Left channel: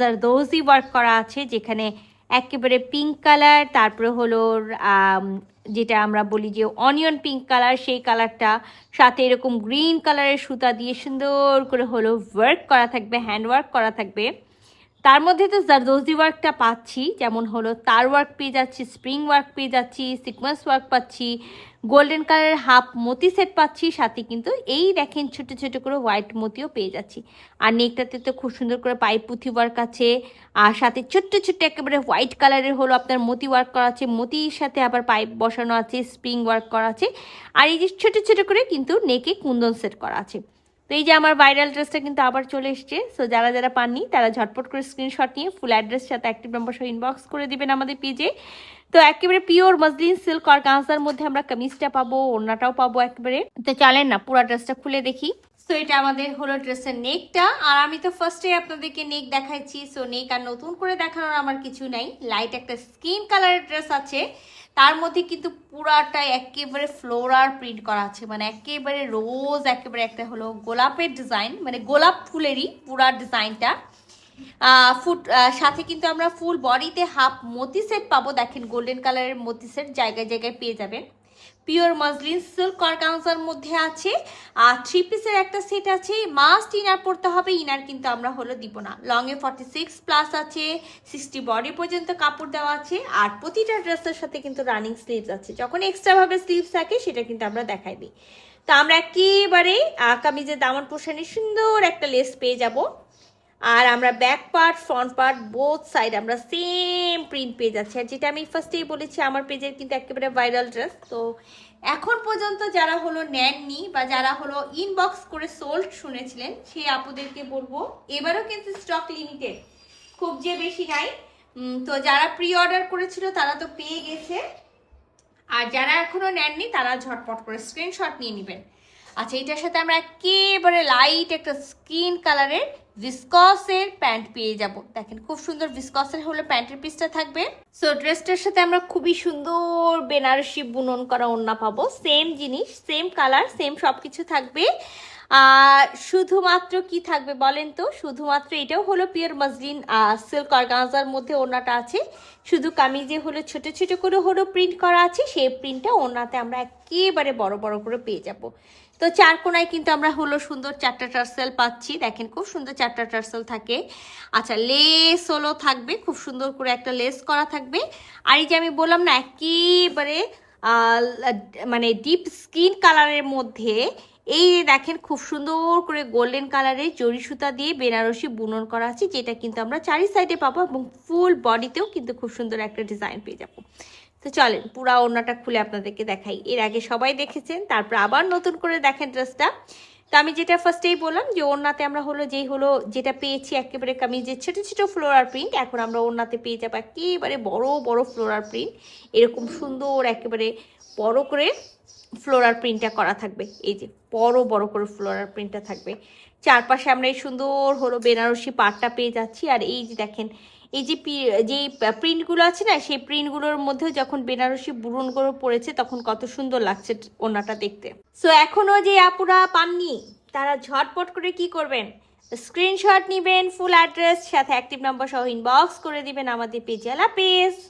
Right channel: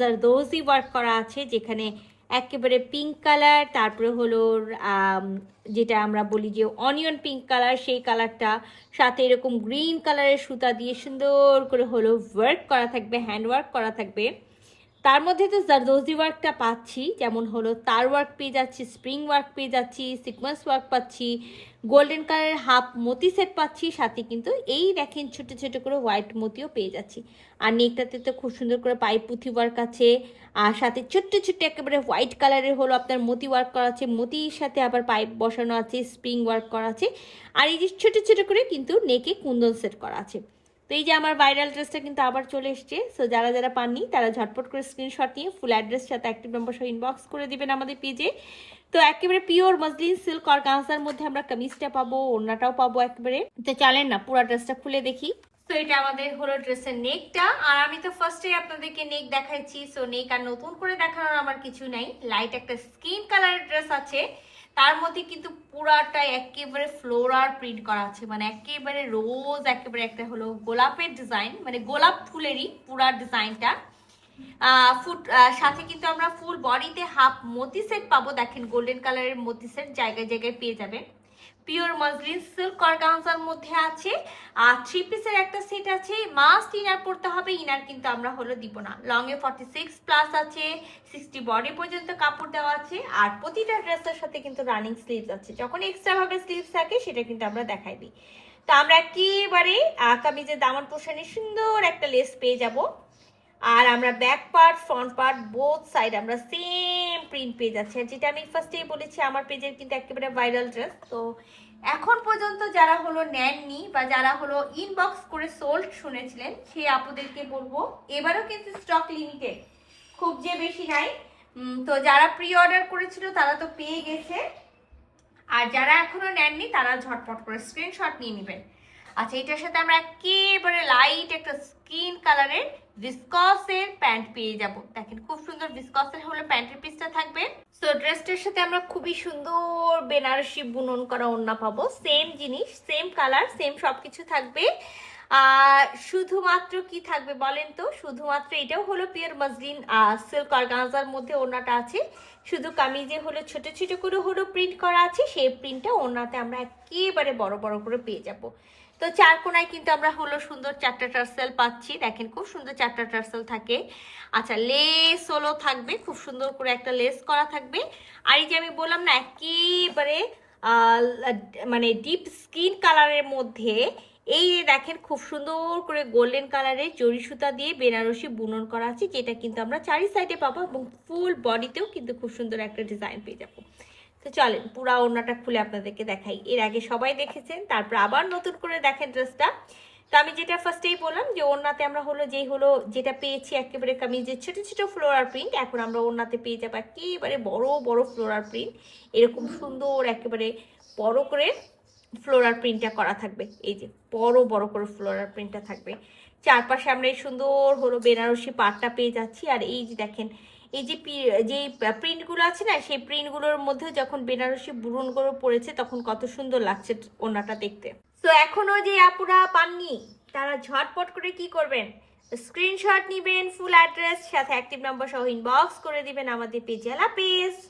Zardozi work করা আছে, যেখানে একেবারে পিঙ্ক কালার তারপরে হলো যেটা আমরা বলি যে অনিয়ন পিঙ্ক কালার সেই কালারটা সাথে এরকম গ্রিন কালারের সুতা দিয়ে সুন্দর করে হলো ওয়ার্ক করা থাকবে হ্যান্ড ওয়ার্ক করা থাকবে। তার মধ্যে তো জারদোজি ওয়ার্কটা পাচ্ছি, যেমন হলো তার ওয়ার্ক পেয়ে যাচ্ছি স্প্রিং ওয়ার্ক পেয়ে যাচ্ছি সিকোয়েন্স ওয়ার্ক পাচ্ছি গোল্ডেন কালারের হাফ মতি সেট পাচ্ছি, সাথে কিন্তু এই দেখেন ছোট ছোট করে হোয়াইট মতিও পেয়ে যাচ্ছি। আর নেকটাতে তো খুব সুন্দর করে পাইপ পুঁথি ওয়ার্ক আছে, আর সাথে ছোট্ট ছোট্ট একেবারে হোয়াইট কালারের হলো আপনার মতি ওয়ার্ক করা আছে, মতির সাথে আবার পাইপ বসানো আছে স্প্রিং ওয়ার্ক করা আছে, আর এই যে ছোট ছোট করে কিন্তু নেকে কুন্দন সেট করা আছে। তো এই যে আমার ভাইরাল ড্রেসটা কিন্তু আবার চলে এসছে। সো যারা যারা পাননি, তারা ঝটপট করে স্ক্রিনশট নিয়ে ফুল অ্যাড্রেস সাথে অ্যাক্টিভ নাম্বার সহ ইনবক্স করে দিবেন আমাদের পেজে তো একেবারে পিওর মসলিন সিল্ক আর গাঁজার মধ্যে আমরা কামিজটা পাবো, ওড়নাটাও পাবো একেবারে। তো চলেন না, পুরো ড্রেসটা খুলে দেখি। তো এটা আমাদের হলো ড্রেসের নেকটা আর আমি তো ফার্স্টে আপনাদেরকে নেক দেখাইছি। সো নেক আর নতুন করে দেখানোর আমার কিছু নাই। লাইট একটা স্কিন কালারের ড্রেস আছে। তার মধ্যে কিন্তু পুরাটা একেবারে ফ্লোরার প্রিন্ট করা আছে। মানে একেবারে রোজ একেবারে একটা হলো গোলাপের ডিজাইন মানে গোলাপ ফুলেরই পুরা ডিজাইনটা ফুট সাথে কিন্তু আমরা ফুল বডিতে হাফ মতি সেট পাবো। দেখেন গোল্ডেন কালারের মতি সেট জায়গায় জায়গায় পেয়ে যাবেন। পিওর মসলিন সিল্ক অর্গানজার মধ্যে আছে। আর থ্রি পিসের একটা সেট আছে মাস্ট ইনার পড়তে হবে ইনার কিন্তু আমরা হলো দিব না। লং এ ফর্টি সিক্স প্লাস আছে সিক্সটি বডি পর্যন্ত কাপড় দেওয়া আছে, আর প্রতিটা ড্রেসের সাথে কিন্তু রানিং স্লিভস আছে। যখন এক্সট্রাভাবে স্লিভস থাকে, সেটা কিন্তু আমরা দেখাই দিই। তো আমরা একেবারে কামিজের দামন পোষণে সুন্দর একটা লেস পেয়ে যাব। আর আমরা back part front part both side আমরা সেম প্রিন্ট পেয়ে যাচ্ছি। আর যেটা আমি ফার্স্টেই বলেছি, আমার পেজের কিন্তু একেবারে ভাইরাল ড্রেস তো এখন পর্যন্ত যারা হলো নেননি বা যারা হলো ইনবক্স করে সোল্ড শুনেছিলেন, সেই আপুদেরকে বলব, এবারও কিন্তু স্টক লিমিটেড খুব যে বেশি নাই। তো যারা প্রি অর্ডার করেছিল, তারা তো পেয়ে গেছে। আর যারা এখনও নেননি, তারা ঝটপট করে স্ক্রিনশট নিয়ে নেবেন। আচ্ছা এটার সাথে আমরা একেবারে লাইট একটা স্কিন কালারের ভিসকসের প্যান্ট পেয়ে যাব। দেখেন, খুব সুন্দর ভিসকসের হলে প্যান্টের পিসটা থাকবে। সো ড্রেসটার সাথে আমরা খুবই সুন্দর বেনারসি বুনন করা ওড়না পাবো। সেম জিনিস সেম কালার সেম সব কিছু থাকবে। শুধুমাত্র কি থাকবে বলেন তো? শুধুমাত্র এটাও হলো পিওর মসলিন সিল্ক অর্গানজার মধ্যে ওড়নাটা আছে। শুধু কামিজে হলো ছোট ছোট করে হলো প্রিন্ট করা আছে, সেই প্রিন্টটা ওড়নাতে আমরা একেবারে বড় বড় করে পেয়ে যাব। তো চার কোনায় কিন্তু আমরা হলো সুন্দর চারটা টার্সেল পাচ্ছি। দেখেন খুব সুন্দর চারটা টার্সেল থাকে। আচ্ছা লেস হলো থাকবে, খুব সুন্দর করে একটা লেস করা থাকবে। আর এই যে আমি বললাম না, একেবারে মানে ডিপ স্কিন কালারের মধ্যে এই দেখেন খুব সুন্দর করে গোল্ডেন কালারের জরি সুতা দিয়ে বেনারসি বুনন করা আছে, যেটা কিন্তু আমরা চারি সাইডে পাবো এবং ফুল বডিতেও কিন্তু খুব সুন্দর একটা ডিজাইন পেয়ে যাব। তো চলেন, পুরা ওড়নাটা খুলে আপনাদেরকে দেখাই। এর আগে সবাই দেখেছেন, তারপর আবার নতুন করে দেখেন ড্রেসটা তো আমি যেটা ফার্স্টেই বললাম যে, ওড়নাতে আমরা হলো যেই হলো যেটা পেয়েছি একেবারে কামিজের ছোটো ছোটো ফ্লোরার প্রিন্ট এখন আমরা ওড়নাতে পেয়ে যাব একেবারে বড় বড় ফ্লোরার প্রিন্ট এরকম সুন্দর একেবারে বড় করে ফ্লোরার প্রিন্টটা করা থাকবে। এই যে বড় বড় করে ফ্লোরার প্রিন্টটা থাকবে। চারপাশে আমরা এই সুন্দর হলো বেনারসি পাটটা পেয়ে যাচ্ছি। আর এই যে দেখেন, এই যে যে প্রিন্টগুলো আছে না, সেই প্রিন্টগুলোর মধ্যে যখন বেনারসি বুরনগুলো পড়েছে, তখন কত সুন্দর লাগছে ওনাটা দেখতে। সো এখনও যে আপুরা পাননি, তারা ঝটপট করে কি করবেন? স্ক্রিনশট নেবেন ফুল অ্যাড্রেস সাথে অ্যাক্টিভ নাম্বার সহ ইনবক্স করে দিবেন আমাদের পেজে আলা পেজ